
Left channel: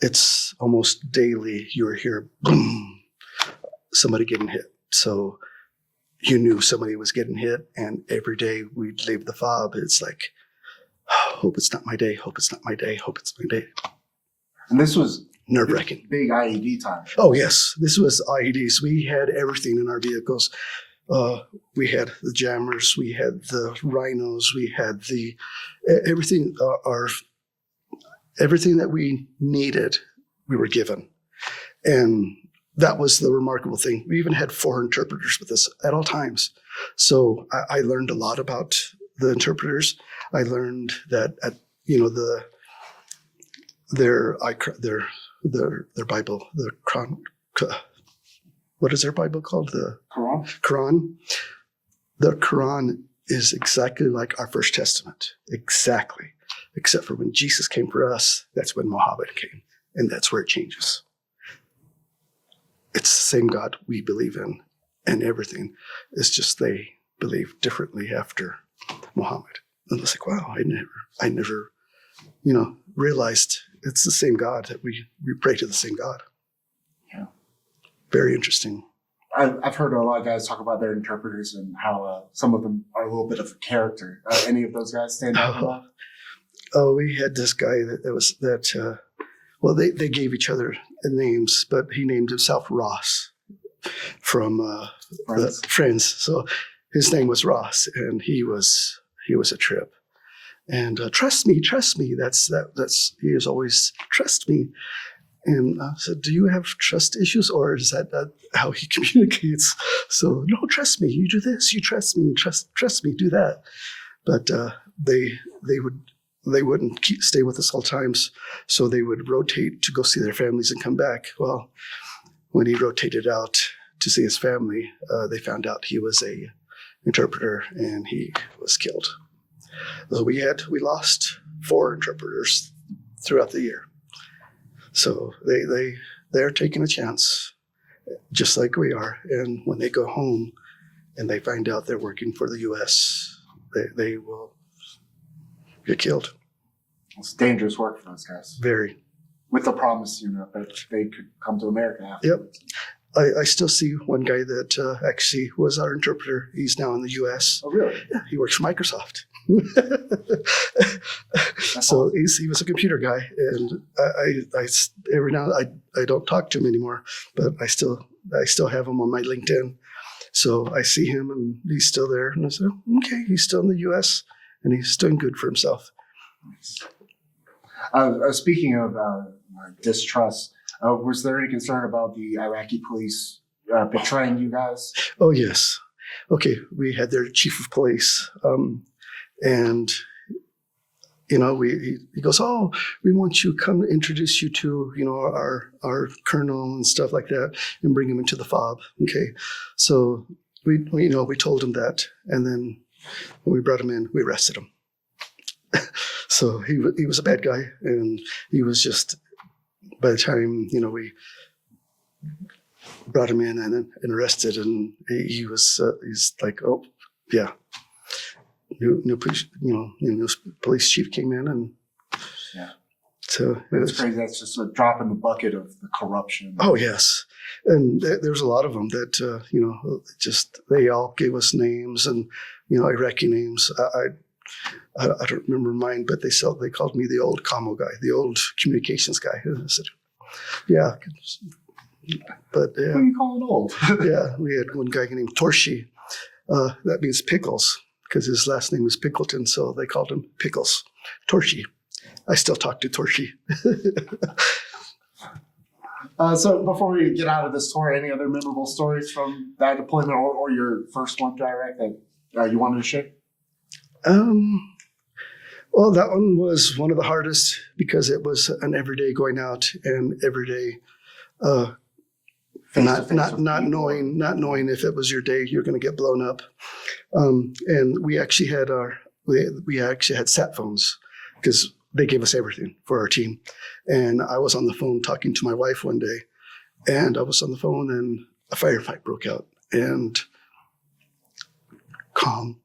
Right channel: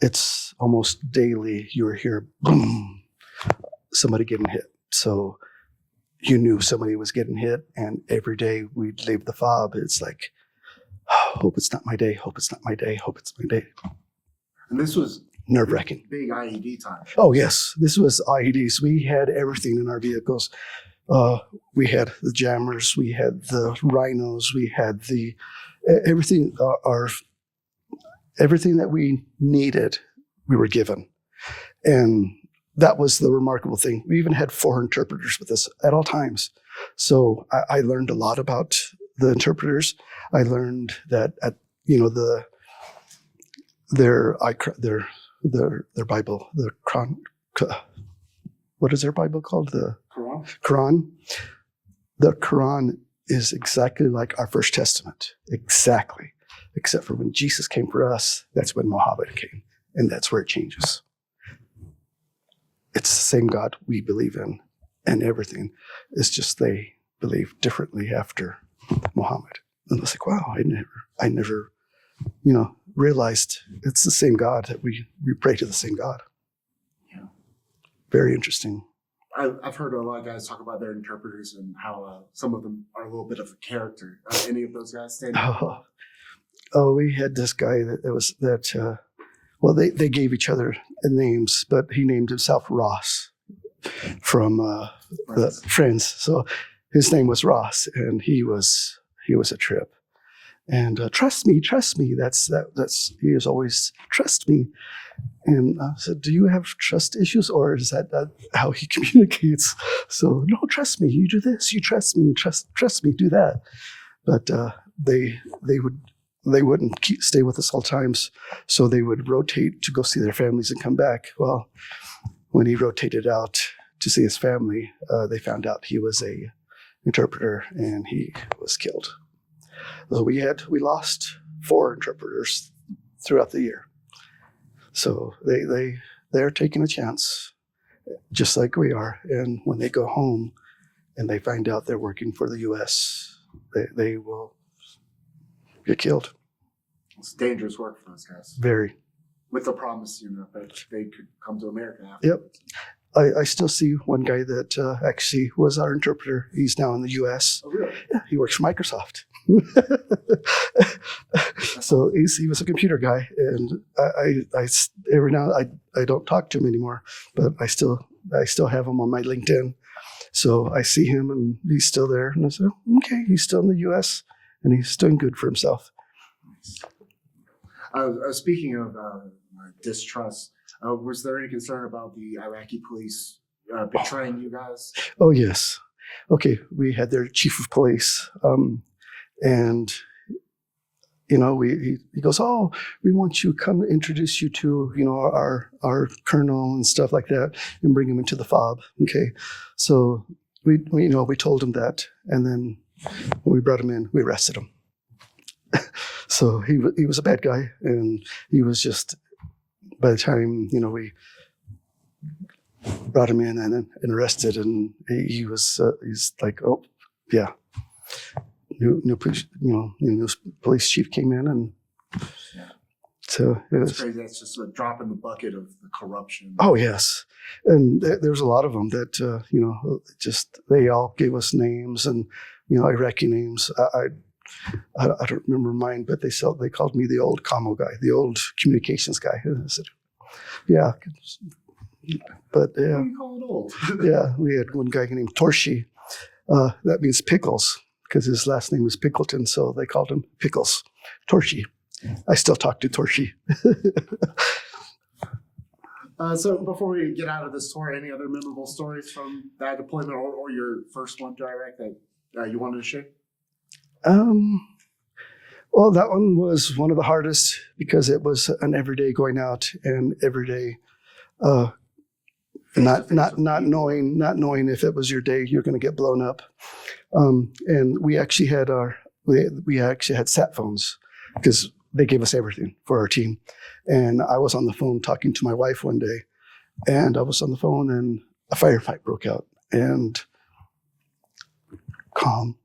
it's almost daily you were here, boom, somebody getting hit. So you knew somebody was getting hit, and every day we'd leave the fob. It's like, oh, hope it's not my day, hope it's not my day, hope it's my day. And this was Nerve-wracking. big IED time. Oh, yes. This was IEDs. We had everything in our vehicles. We had the jammers, we had the rhinos, we had the everything. Everything that we needed, we were given, and that was the remarkable thing. We even had 4 interpreters with us at all times. So I learned a lot about the interpreters. I learned that their Bible, the Quran. What is their Bible called? The Quran. The Quran is exactly like our First Testament. Exactly. Except for when Jesus came for us, that's when Muhammad came. And that's where it changes. It's the same God we believe in and everything. It's just they believe differently after Muhammad. And I was like, wow, I never, realized it's the same God, that we pray to the same God. Yeah. Very interesting. I've heard a lot of guys talk about their interpreters and how some of them are a little bit of a character. Any of those guys stand out? Oh, we had this guy they gave each other names, but he named himself Ross from Friends. So his name was Ross, and he was a trip. And trust me. That's he is always trust me. And I said, do you have trust issues, or is that how he communicates? So no, trust me. You do this. You trust me. Trust me. Do that. But they wouldn't stay with us all times, so they would rotate to go see their families and come back. Well, when he rotated out to see his family, they found out he was a interpreter, and he was killed. So we lost 4 interpreters throughout the year. So they're taking a chance, just like we are. And when they go home and they find out they're working for the U.S., they will get killed. It's dangerous work for those guys. Very. With the promise, that they could come to America after. Yep. I still see one guy that actually was our interpreter. He's now in the U.S. Oh, really? Yeah, he works for Microsoft. So he was a computer guy, and I every now I don't talk to him anymore, but I still have him on my LinkedIn. So I see him, and he's still there, and I said, okay, he's still in the U.S. and he's doing good for himself. Speaking of distrust, was there any concern about the Iraqi police betraying you guys? Oh, yes. Okay, we had their chief of police, and he goes, oh, we want you to come introduce you to our colonel and stuff like that, and bring him into the fob. Okay, so we told him that, and then when we brought him in, we arrested him. So he was a bad guy, and he was just, by the time we brought him in and arrested, and he's like, oh yeah, new police chief came in, and yeah. So that's crazy. That's just a drop in the bucket of the corruption. Oh yes, and there's a lot of them that just they all gave us names, and Iraqi names. I don't remember mine, but they called me the old commo guy, the old communications guy. I said, yeah, but yeah. What do you call it old? Yeah, we had one guy named Torshi. That means pickles, because his last name was Pickleton, so they called him Pickles. Torshi. I still talk to Torshi. So before we get out of this tour, any other memorable stories from that deployment or your first one to Iraq that you wanted to share? Well, that one was one of the hardest because it was an everyday going out and everyday not knowing if it was your day you're going to get blown up. And we actually had sat phones because they gave us everything for our team. And I was on the phone talking to my wife one day, and I was on the phone and a firefight broke out, and calm.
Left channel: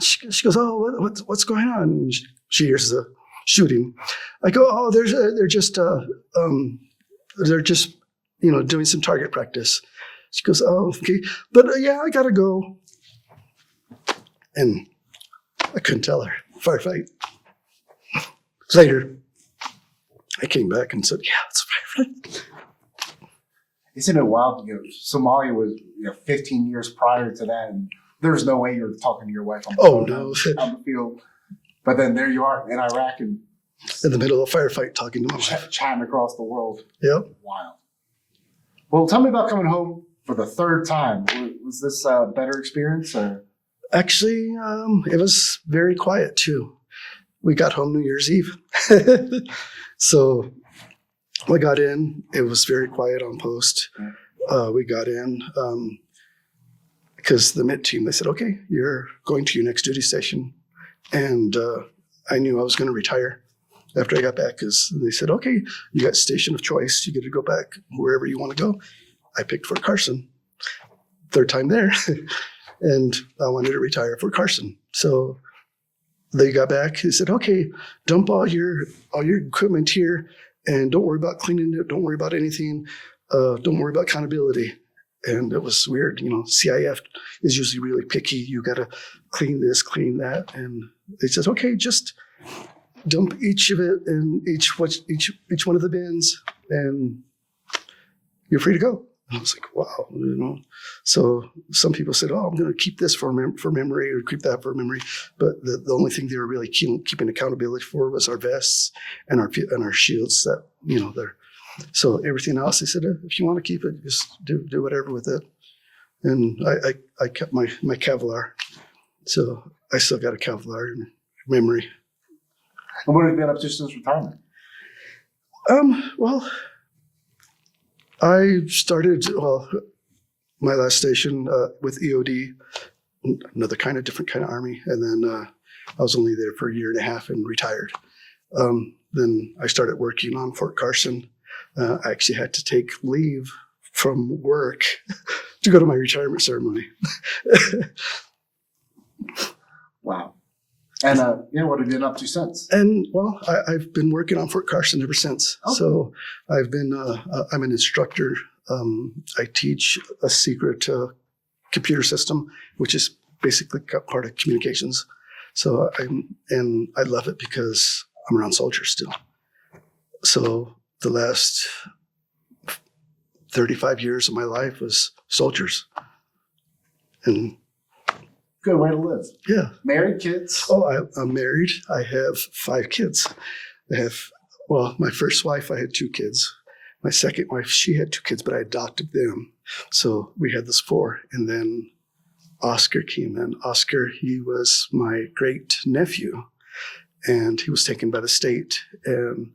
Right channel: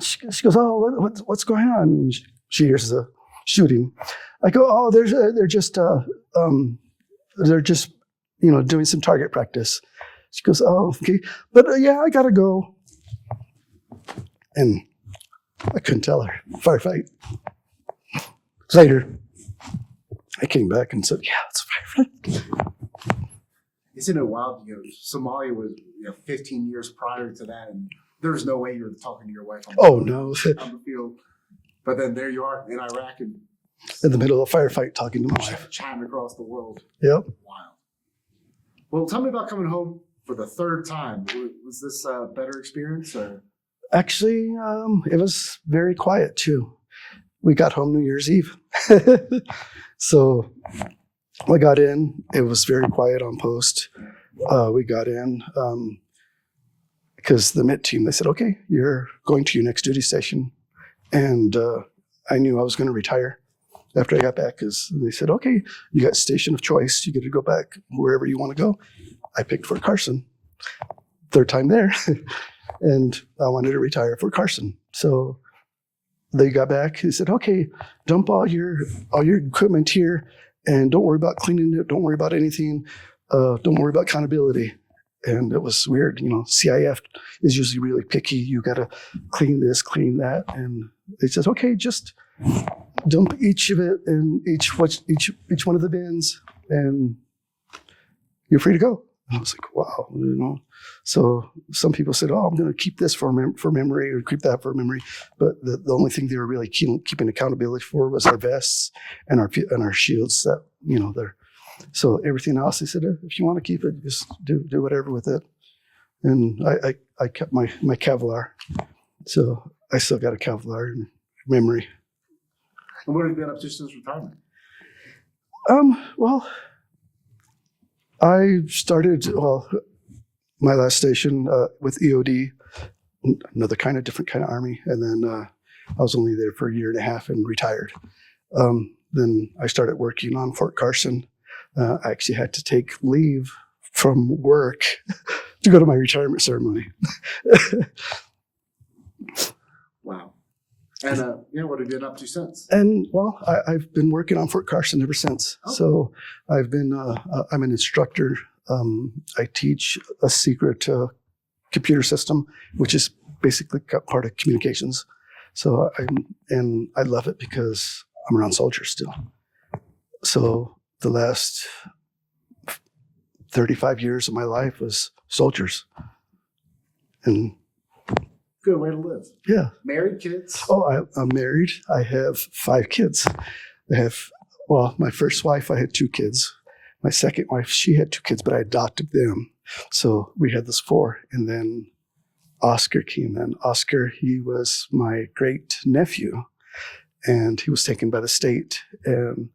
She goes, oh, what's going on? And she hears the shooting. I go, oh, they're just doing some target practice. She goes, oh, okay. But yeah, I got to go. And I couldn't tell her. Firefight. Later, I came back and said, yeah, it's a firefight. Isn't it wild? Somalia was 15 years prior to that, and there's no way you're talking to your wife on the phone on the field. But then there you are in Iraq and in the middle of a firefight talking to my wife. Chatting across the world. Yep. Wild. Well, tell me about coming home for the third time. Was this a better experience? Or? Actually, it was very quiet too. We got home New Year's Eve. So I got in. It was very quiet on post. We got in because the MIT team, they said, okay, you're going to your next duty station. And I knew I was going to retire after I got back because they said, okay, you got station of choice. You get to go back wherever you want to go. I picked Fort Carson. Third time there. And I wanted to retire Fort Carson. So they got back. They said, okay, dump all your equipment here and don't worry about cleaning it. Don't worry about anything. Don't worry about accountability. And it was weird. CIF is usually really picky. You got to clean this, clean that. And they said, okay, just dump each of it in each one of the bins and you're free to go. And I was like, wow, So some people said, oh, I'm going to keep this for memory or keep that for memory. But the only thing they were really keeping accountability for was our vests and our shields that, they're. So everything else, they said, if you want to keep it, just do whatever with it. And I kept my Kevlar. So I still got a Kevlar in memory. And what have you been up to since retirement? Well, I started, my last station with EOD, another different kind of Army. And then I was only there for a year and a half and retired. Then I started working on Fort Carson. I actually had to take leave from work to go to my retirement ceremony. Wow. And what have you been up to since? And I've been working on Fort Carson ever since. Okay. So I've been, I'm an instructor. I teach a secret computer system, which is basically part of communications. So I love it because I'm around soldiers still. So the last 35 years of my life was soldiers. And good way to live. Yeah. Married, kids? Oh, I'm married. I have 5 kids. My first wife, I had 2 kids. My second wife, she had 2 kids, but I adopted them. So we had this 4. And then Oscar came in. Oscar, he was my great nephew, and he was taken by the state. And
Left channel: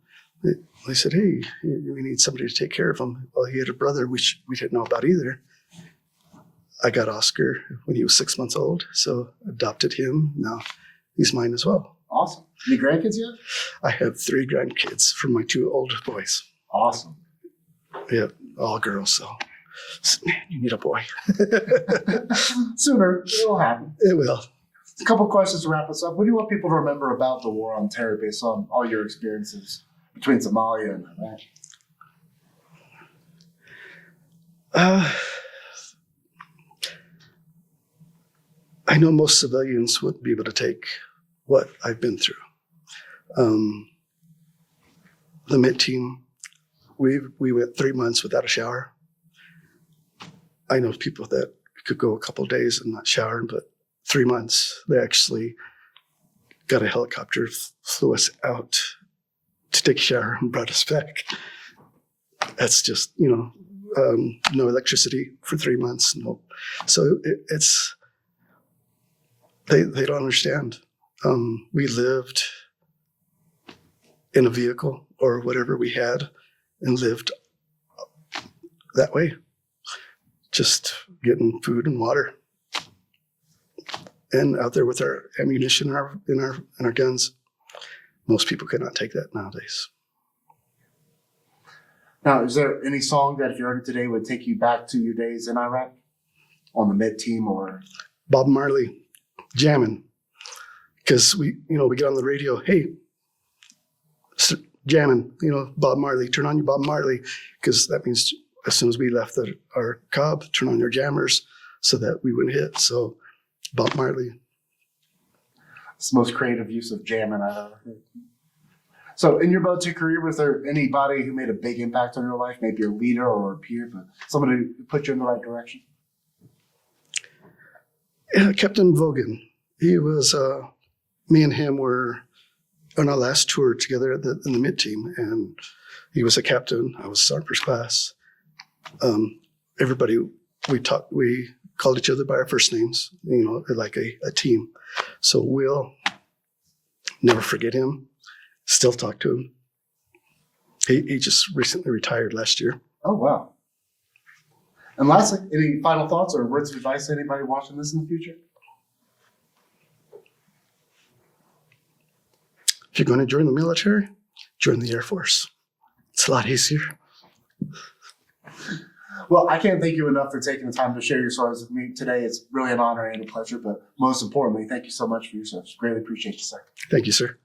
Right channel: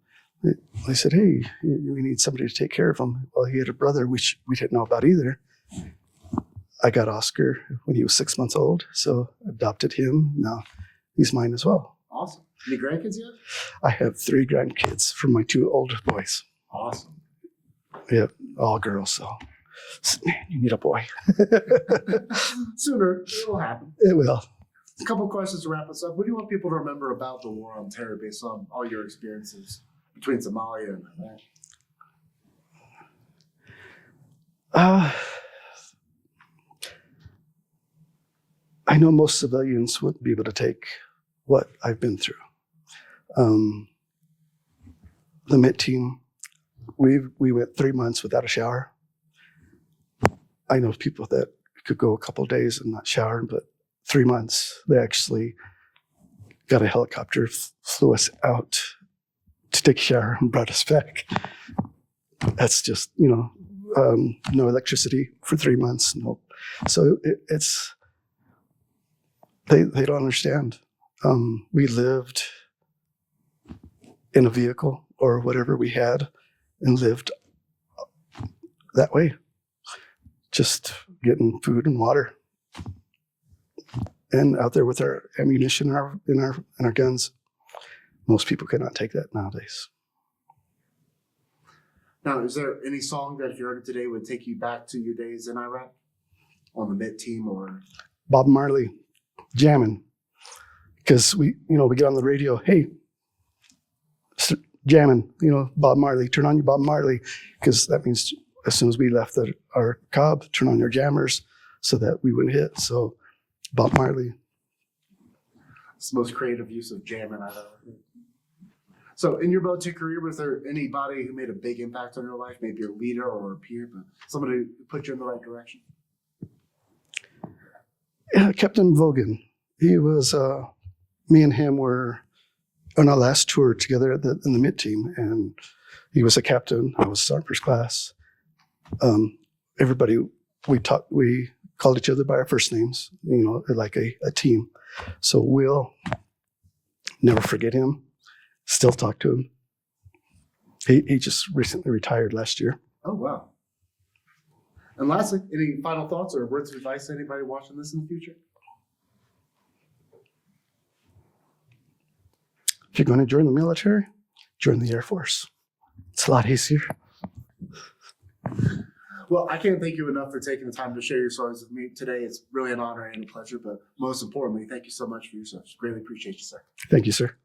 they said, hey, we need somebody to take care of him. Well, he had a brother, which we didn't know about either. I got Oscar when he was 6 months old, so adopted him. Now he's mine as well. Awesome. Any grandkids yet? I have 3 grandkids from my 2 older boys. Awesome. Yep, all girls. So, man, you need a boy. Sooner, it will happen. It will. A couple questions to wrap us up. What do you want people to remember about the war on terror based on all your experiences between Somalia and Iraq? I know most civilians wouldn't be able to take what I've been through. The MIT team, we went 3 months without a shower. I know people that could go a couple of days and not shower, but 3 months, they actually got a helicopter, flew us out to take a shower and brought us back. That's just, no electricity for 3 months. No. So it's, they don't understand. We lived in a vehicle or whatever we had and lived that way, just getting food and water and out there with our ammunition and our guns. Most people cannot take that nowadays. Now, is there any song that if you heard it today would take you back to your days in Iraq on the MIT team or? Bob Marley, jamming. Because we get on the radio, hey, jamming, Bob Marley, turn on your Bob Marley, because that means as soon as we left our cob, turn on your jammers so that we wouldn't hit. So Bob Marley. It's the most creative use of jamming I've ever heard. So in your boat 2 career, was there anybody who made a big impact on your life? Maybe your leader or a peer, but somebody who put you in the right direction? Yeah, Captain Vogan. He was, me and him were on our last tour together in the mid team, and he was a captain. I was sergeant first class. Everybody, we called each other by our first names, like a team. So Will, never forget him. Still talk to him. He just recently retired last year. Oh, wow. And lastly, any final thoughts or words of advice to anybody watching this in the future? If you're going to join the military, join the Air Force. It's a lot easier. Well, I can't thank you enough for taking the time to share your stories with me today. It's really an honor and a pleasure, but most importantly, thank you so much for your service. Greatly appreciate you, sir. Thank you, sir.